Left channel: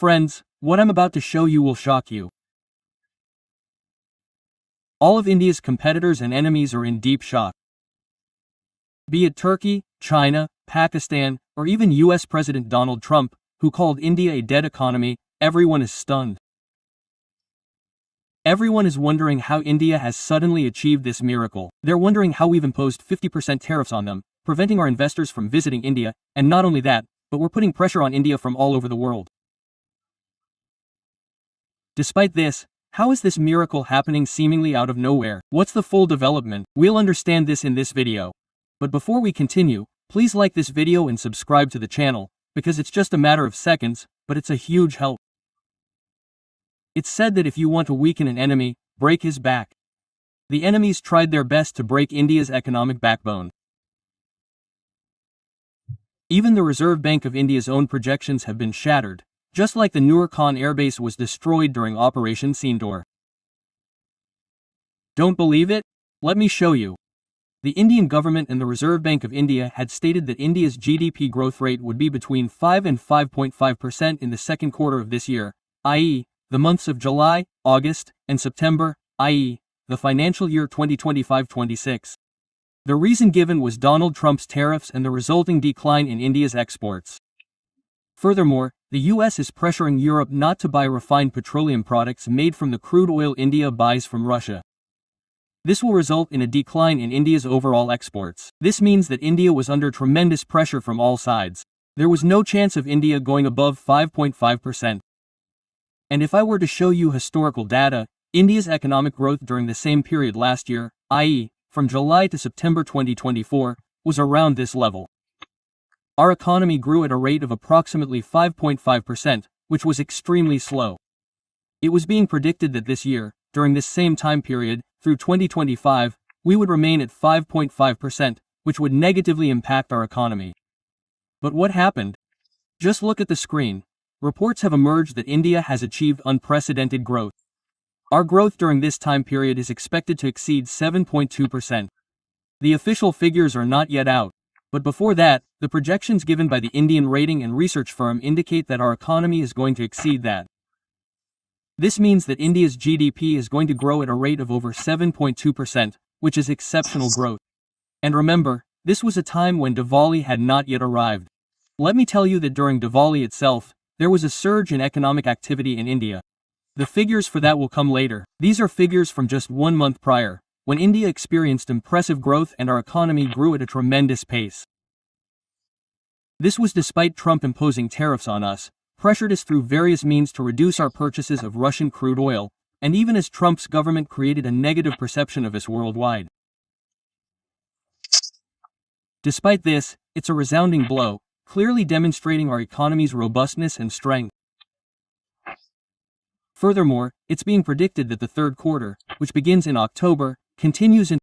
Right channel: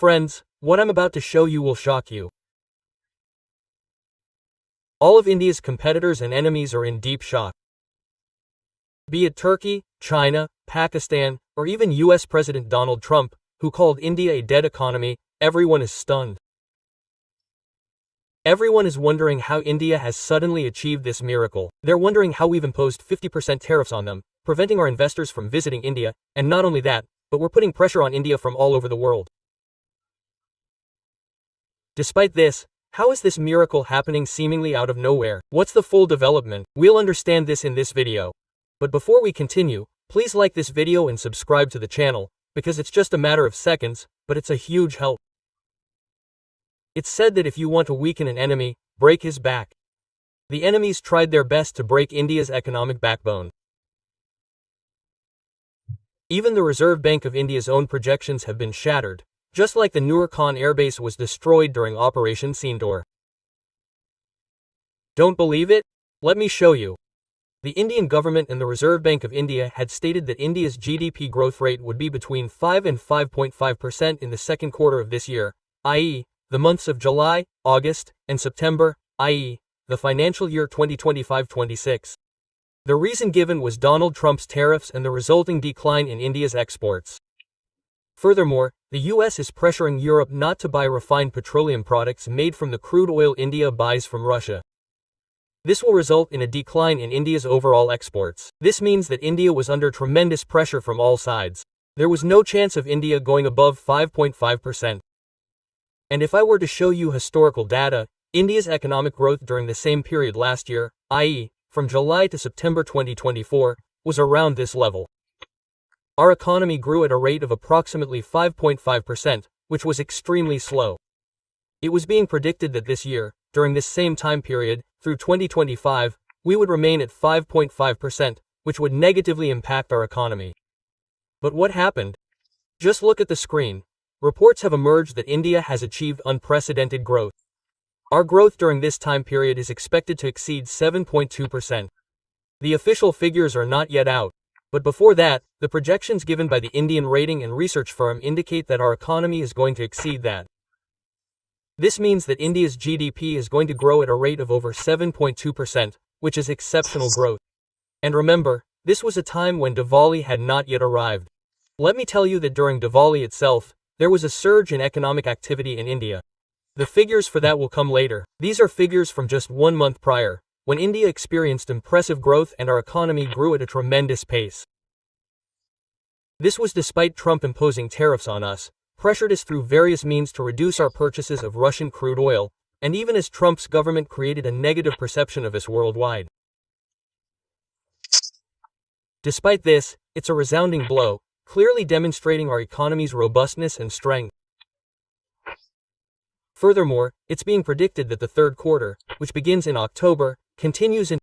Friends, what I'm about to show you will shock you. All of India's competitors and enemies are in deep shock. Be it Turkey, China, Pakistan, or even US President Donald Trump, who called India a dead economy, everyone is stunned. Everyone is wondering how India has suddenly achieved this miracle. They're wondering how we've imposed 50% tariffs on them, preventing our investors from visiting India, and not only that, but we're putting pressure on India from all over the world. Despite this, how is this miracle happening seemingly out of nowhere? What's the full development? We'll understand this in this video. But before we continue, please like this video and subscribe to the channel, because it's just a matter of seconds, but it's a huge help. It's said that if you want to weaken an enemy, break his back. The enemies tried their best to break India's economic backbone. Even the Reserve Bank of India's own projections have been shattered, just like the Noor Khan airbase was destroyed during Operation Sindoor. Don't believe it? Let me show you. The Indian government and the Reserve Bank of India had stated that India's GDP growth rate would be between 5 and 5.5% in the second quarter of this year, i.e., the months of July, August, and September, i.e., the financial year 2025-26. The reason given was Donald Trump's tariffs and the resulting decline in India's exports. Furthermore, the US is pressuring Europe not to buy refined petroleum products made from the crude oil India buys from Russia. This will result in a decline in India's overall exports. This means that India was under tremendous pressure from all sides. There was no chance of India going above 5.5%. And if I were to show you historical data, India's economic growth during the same period last year, i.e., from July to September 2024, was around this level. Our economy grew at a rate of approximately 5.5%, which was extremely slow. It was being predicted that this year, during this same time period, through 2025, we would remain at 5.5%, which would negatively impact our economy. But what happened? Just look at the screen. Reports have emerged that India has achieved unprecedented growth. Our growth during this time period is expected to exceed 7.2%. The official figures are not yet out, but before that, the projections given by the Indian rating and research firm indicate that our economy is going to exceed that. This means that India's GDP is going to grow at a rate of over 7.2%, which is exceptional growth. And remember, this was a time when Diwali had not yet arrived. Let me tell you that during Diwali itself, there was a surge in economic activity in India. The figures for that will come later. These are figures from just 1 month prior, when India experienced impressive growth and our economy grew at a tremendous pace. This was despite Trump imposing tariffs on us, pressured us through various means to reduce our purchases of Russian crude oil, and even as Trump's government created a negative perception of us worldwide. Despite this, it's a resounding blow, clearly demonstrating our economy's robustness and strength. Furthermore, it's being predicted that the third quarter, which begins in October, continues in